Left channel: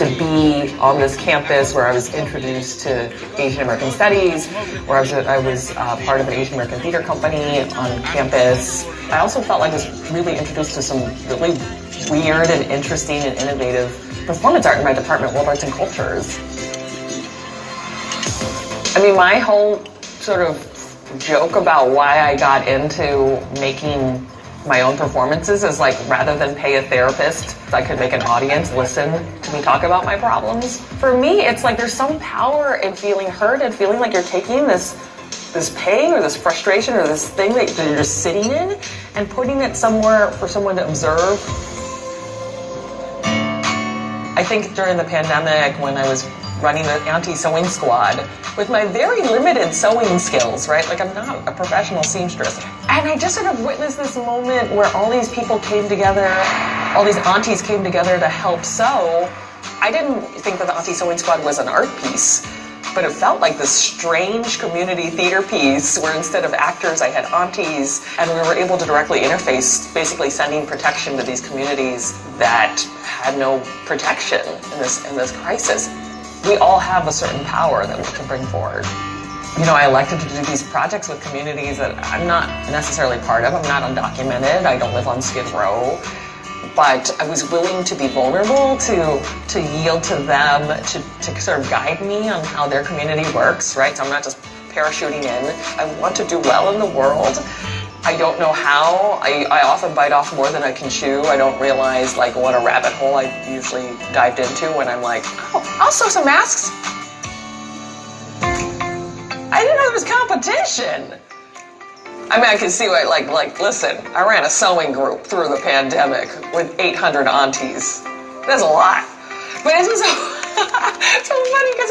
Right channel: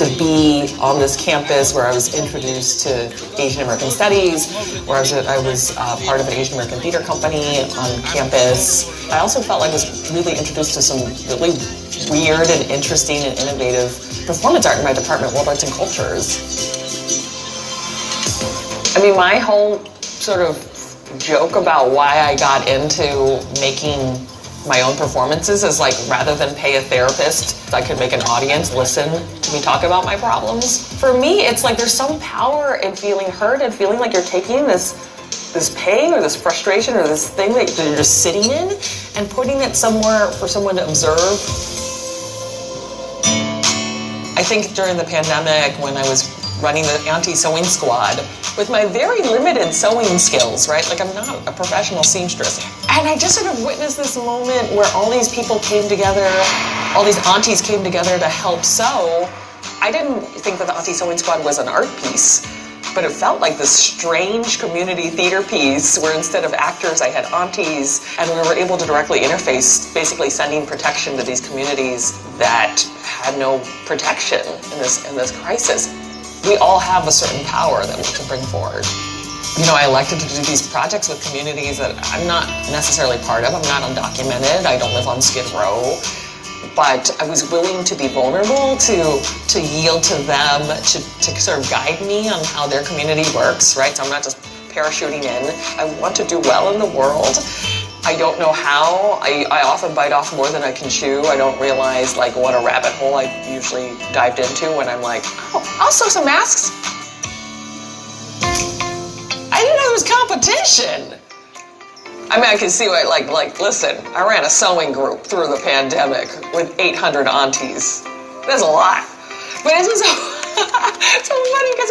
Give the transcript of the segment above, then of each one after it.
To be on this campus where I was introduced to Asian American Studies, where I was part of an Asian American theater company on campus. I also felt like I was really introduced to some really weird and interesting and innovative performance art in my department, World Arts and Cultures. I mean, my whole sort of joke about why I got into making my own performances is like, rather than pay a therapist, I could make an audience listen to me talk about my problems. For me, it's like there's some power in feeling heard and feeling like you're taking this pain or this frustration or this thing that you're just sitting in and putting it somewhere for someone to observe. I think during the pandemic, when I was running the anti-sewing squad, with my very limited sewing skills, right? Like, I'm not a professional seamstress. And I just sort of witnessed this moment where all these people came together, all these aunties came together to help sew. I didn't think that the anti-sewing squad was an art piece, but it felt like this strange community theater piece where instead of actors, I had aunties, and we were able to directly interface, basically sending protection to these communities that had no protection in this crisis. We all have a certain power that we can bring forward. You know, I elected to do these projects with communities that I'm not necessarily part of. I'm not undocumented. I don't live on Skid Row. But I was willing to be vulnerable, to yield to them, to sort of guide me on how their community works, right? So I'm not just parachuting in. I want to do well in the world. I don't know how. I often bite off more than I can chew. I don't realize like what a rabbit hole I've usually dived into when I'm like, oh, I'll sew some masks. I didn't know there was competition. I mean, I can see what, like, listen, I ran a sewing group through the pandemic with 800 aunties. That's a lot. But it's just so funny because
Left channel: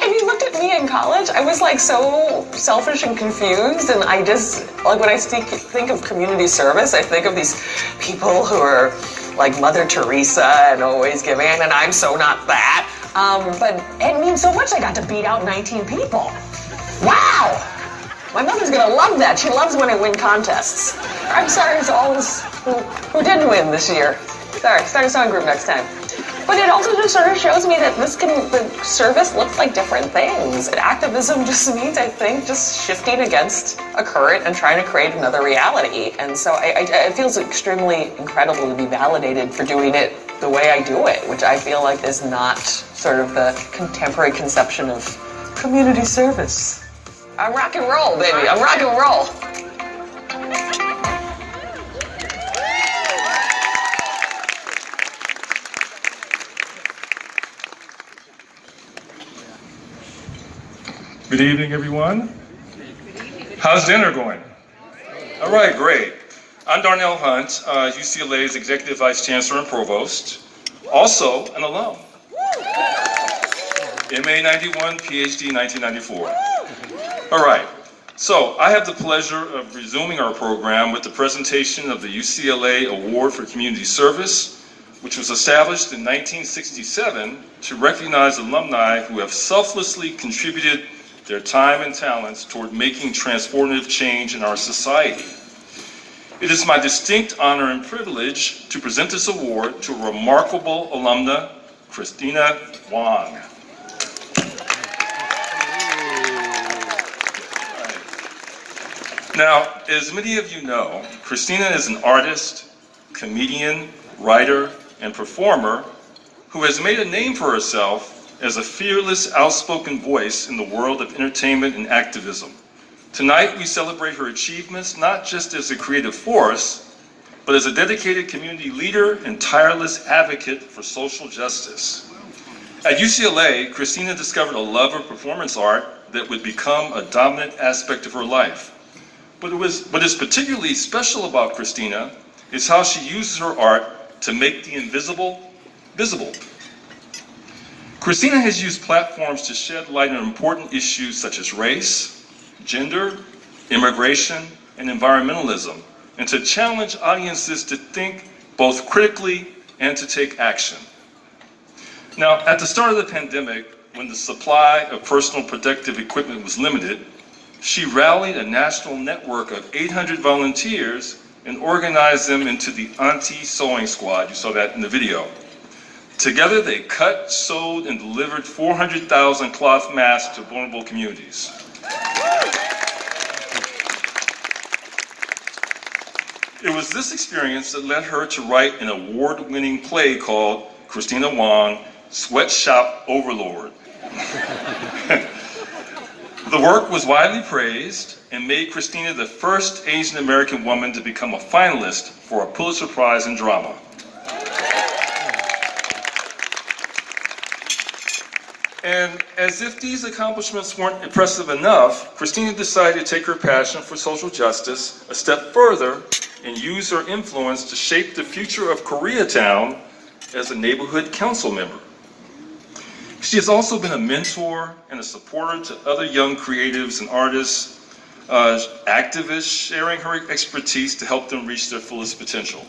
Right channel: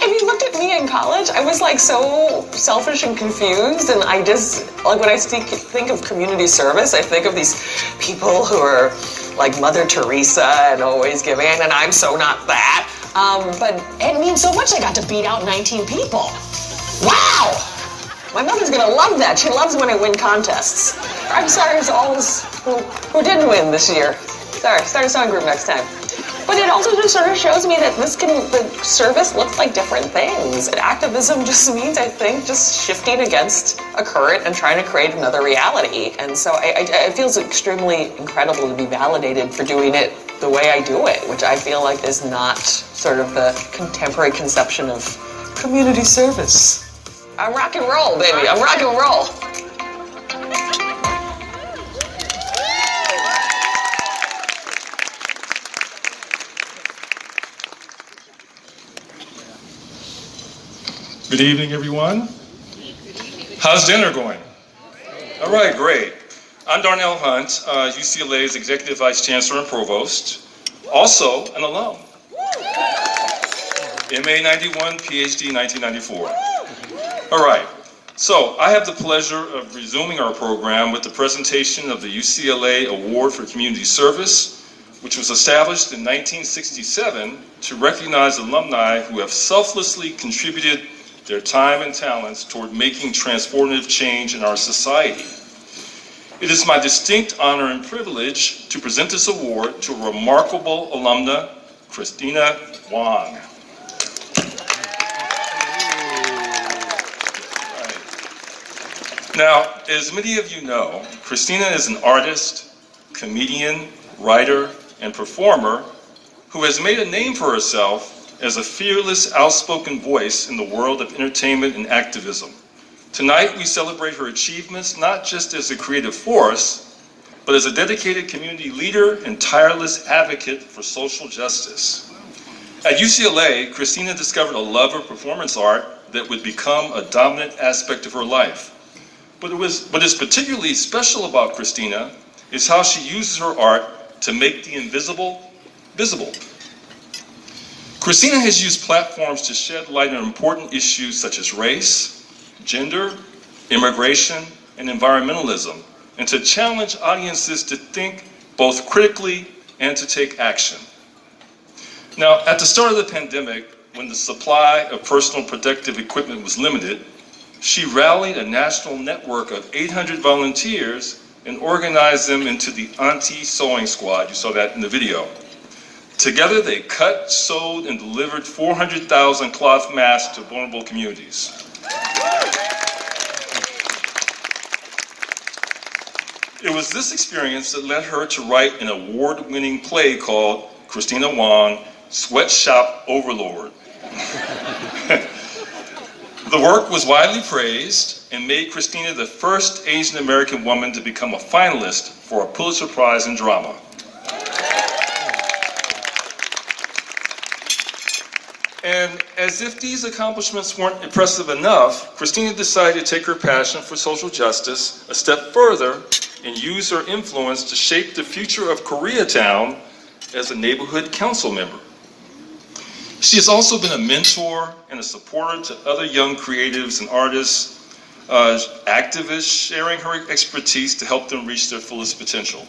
if you looked at me in college, I was like so selfish and confused, and I just, like, when I think of community service, I think of these people who are like Mother Teresa and always giving, and I'm so not that. But it means so much. I got to beat out 19 people. Wow! My mother's gonna love that. She loves when I win contests. I'm sorry to all those who didn't win this year. Sorry, start a sewing group next time. But it also just sort of shows me that the service looks like different things. And activism just means, I think, just shifting against a current and trying to create another reality. And so it feels extremely incredible to be validated for doing it the way I do it, which I feel like is not sort of the contemporary conception of community service. I'm rock and roll, baby. I'm rock and roll. Good evening, everyone. How's dinner going? All right, great. I'm Darnell Hunt, UCLA's Executive Vice Chancellor and Provost, also an alum. MA 91, PhD 1994. All right, so I have the pleasure of resuming our program with the presentation of the UCLA Award for Community Service, which was established in 1967 to recognize alumni who have selflessly contributed their time and talents toward making transformative change in our society. It is my distinct honor and privilege to present this award to a remarkable alumna, Kristina Wong. Now, as many of you know, Kristina is an artist, comedian, writer, and performer who has made a name for herself as a fearless, outspoken voice in the world of entertainment and activism. Tonight, we celebrate her achievements not just as a creative force, but as a dedicated community leader and tireless advocate for social justice. At UCLA, Kristina discovered a love of performance art that would become a dominant aspect of her life. What is particularly special about Kristina is how she uses her art to make the invisible visible. Kristina has used platforms to shed light on important issues such as race, gender, immigration, and environmentalism, and to challenge audiences to think both critically and to take action. Now, at the start of the pandemic, when the supply of personal protective equipment was limited, she rallied a national network of 800 volunteers and organized them into the Auntie Sewing Squad. You saw that in the video. Together, they cut, sewed, and delivered 400,000 cloth masks to vulnerable communities. It was this experience that led her to write an award-winning play called Kristina Wong, Sweatshop Overlord. The work was widely praised and made Kristina the first Asian American woman to become a finalist for a Pulitzer Prize in drama. And as if these accomplishments weren't impressive enough, Kristina decided to take her passion for social justice a step further and use her influence to shape the future of Koreatown as a neighborhood council member. She has also been a mentor and a supporter to other young creatives and artists, activists, sharing her expertise to help them reach their fullest potential.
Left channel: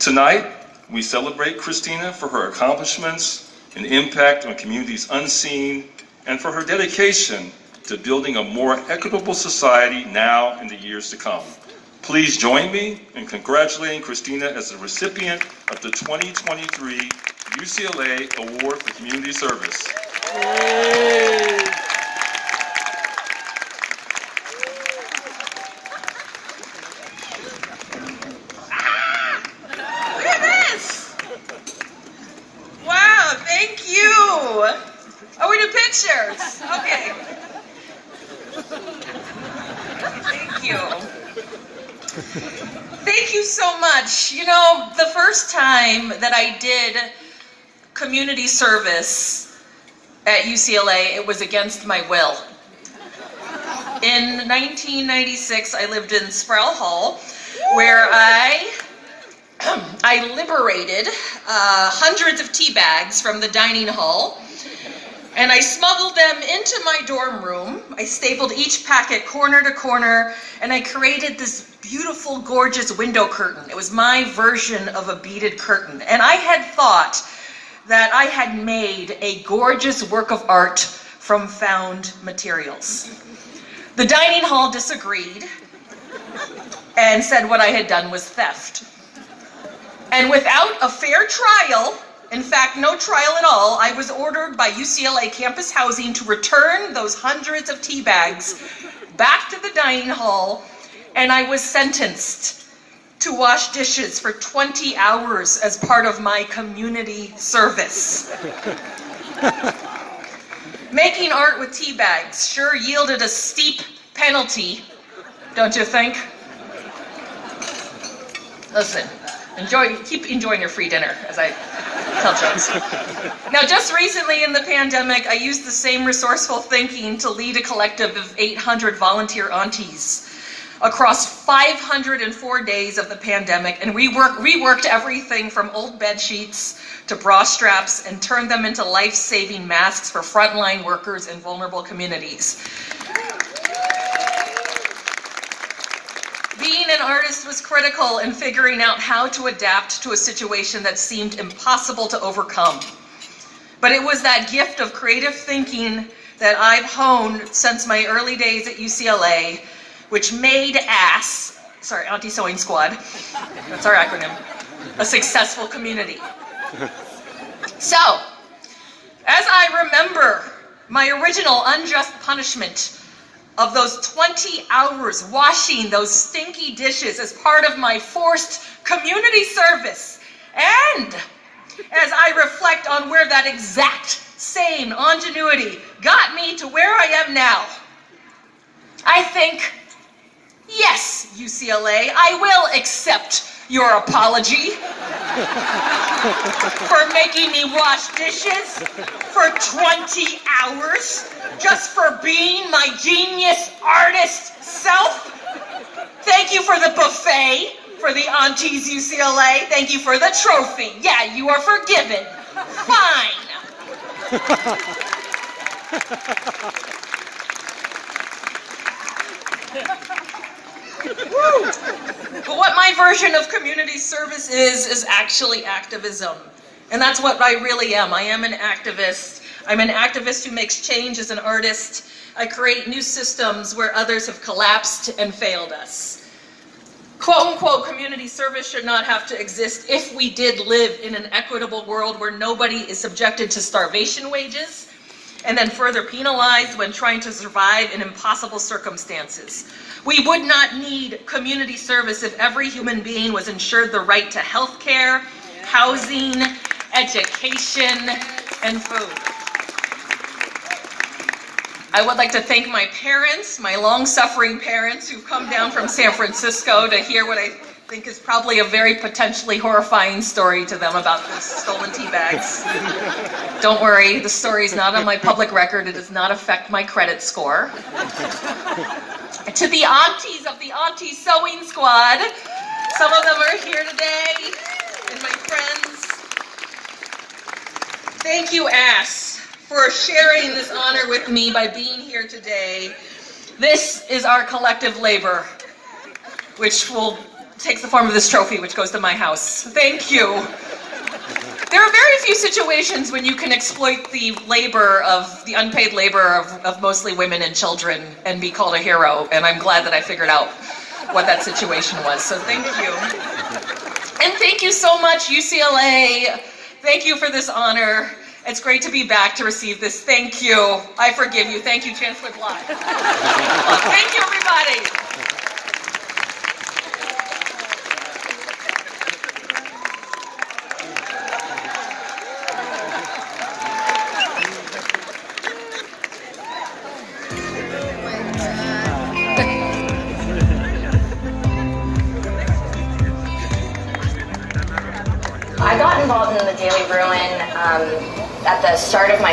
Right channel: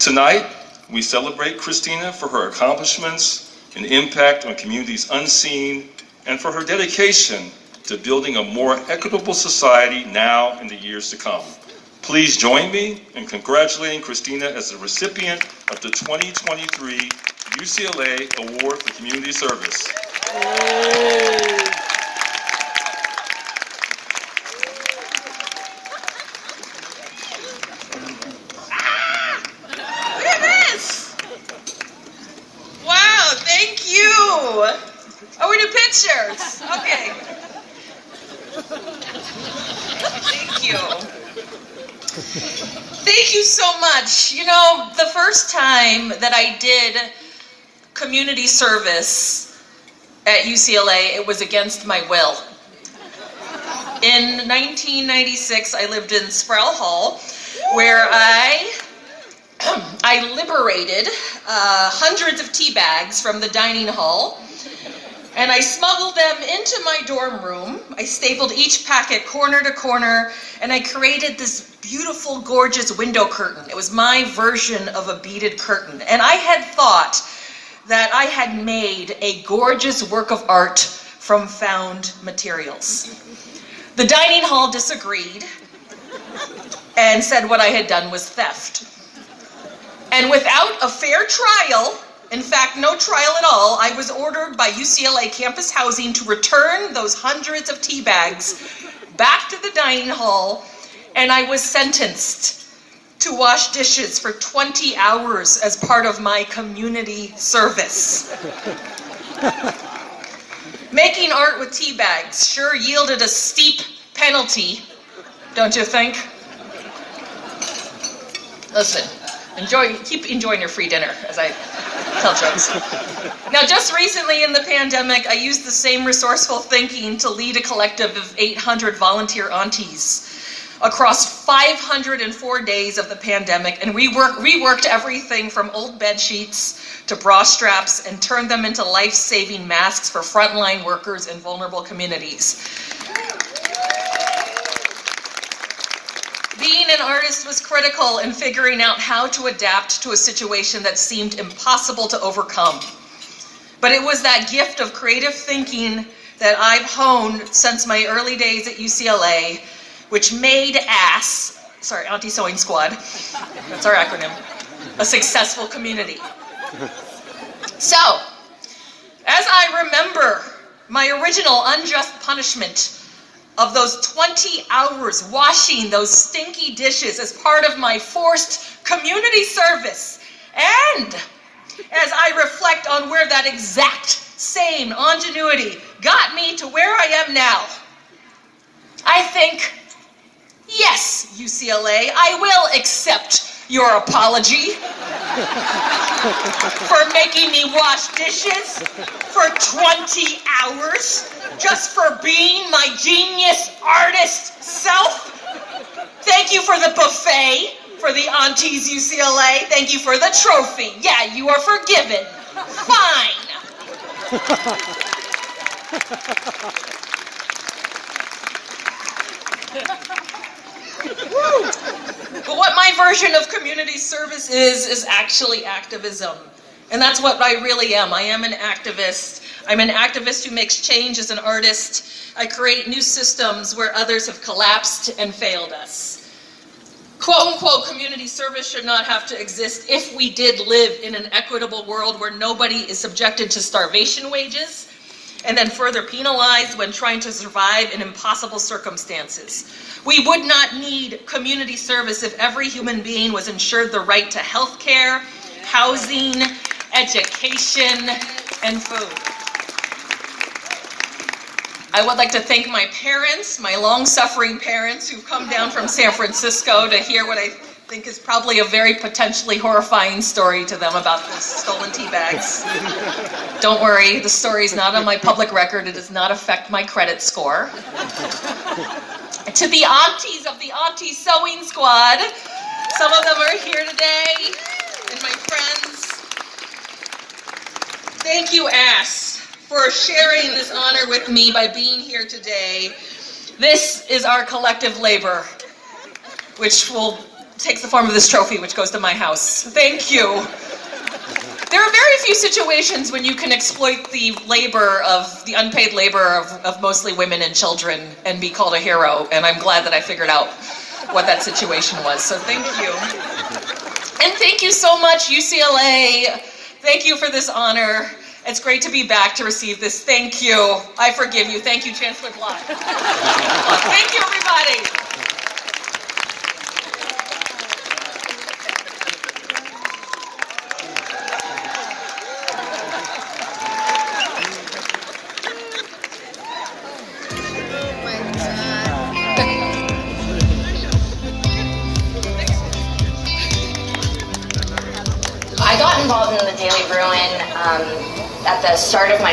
Tonight, we celebrate Kristina for her accomplishments and impact on communities unseen, and for her dedication to building a more equitable society now and the years to come. Please join me in congratulating Kristina as the recipient of the 2023 UCLA Award for Community Service. Oh, we do pictures. Okay. Thank you. Thank you so much. You know, the first time that I did community service at UCLA, it was against my will. In 1996, I lived in Sproul Hall, where I liberated hundreds of tea bags from the dining hall, and I smuggled them into my dorm room. I stapled each packet corner to corner, and I created this beautiful, gorgeous window curtain. It was my version of a beaded curtain, and I had thought that I had made a gorgeous work of art from found materials. The dining hall disagreed and said what I had done was theft. And without a fair trial, in fact, no trial at all, I was ordered by UCLA Campus Housing to return those hundreds of tea bags back to the dining hall, and I was sentenced to wash dishes for 20 hours as part of my community service. Making art with tea bags sure yielded a steep penalty, don't you think? Listen. Keep enjoying your free dinner as I tell jokes. Now, just recently in the pandemic, I used the same resourceful thinking to lead a collective of 800 volunteer aunties across 504 days of the pandemic, and we reworked everything from old bed sheets to bra straps and turned them into life-saving masks for frontline workers in vulnerable communities. Being an artist was critical in figuring out how to adapt to a situation that seemed impossible to overcome. But it was that gift of creative thinking that I've honed since my early days at UCLA, which made Auntie Sewing Squad, that's our acronym, a successful community. So, as I remember my original unjust punishment of those 20 hours washing those stinky dishes as part of my forced community service. And as I reflect on where that exact same ingenuity got me to where I am now, I think, yes, UCLA, I will accept your apology for making me wash dishes for 20 hours just for being my genius artist self. Thank you for the buffet for the aunties UCLA. Thank you for the trophy. Yeah, you are forgiven. Fine. But what my version of community service is actually activism. And that's what I really am. I am an activist. I'm an activist who makes change as an artist. I create new systems where others have collapsed and failed us. quote unquote community service should not have to exist if we did live in an equitable world where nobody is subjected to starvation wages and then further penalized when trying to survive in impossible circumstances. We would not need community service if every human being was ensured the right to health care, housing, education, and food. I would like to thank my parents, my long-suffering parents who've come down from San Francisco to hear what I think is probably a very potentially horrifying story to them about the stolen tea bags. Don't worry, the story is not on my public record. It does not affect my credit score. To the aunties of the Auntie Sewing Squad, some of them are here today, and my friends. Thank you, Ass, for sharing this honor with me by being here today. This is our collective labor, which will take the form of this trophy, which goes to my house. Thank you. There are very few situations when you can exploit the labor of, the unpaid labor of mostly women and children and be called a hero, and I'm glad that I figured out what that situation was, so thank you. And thank you so much, UCLA. Thank you for this honor. It's great to be back to receive this. Thank you. I forgive you. Thank you, Chancellor Block. Thank you, everybody. I got involved in the Daily Bruin at the start of my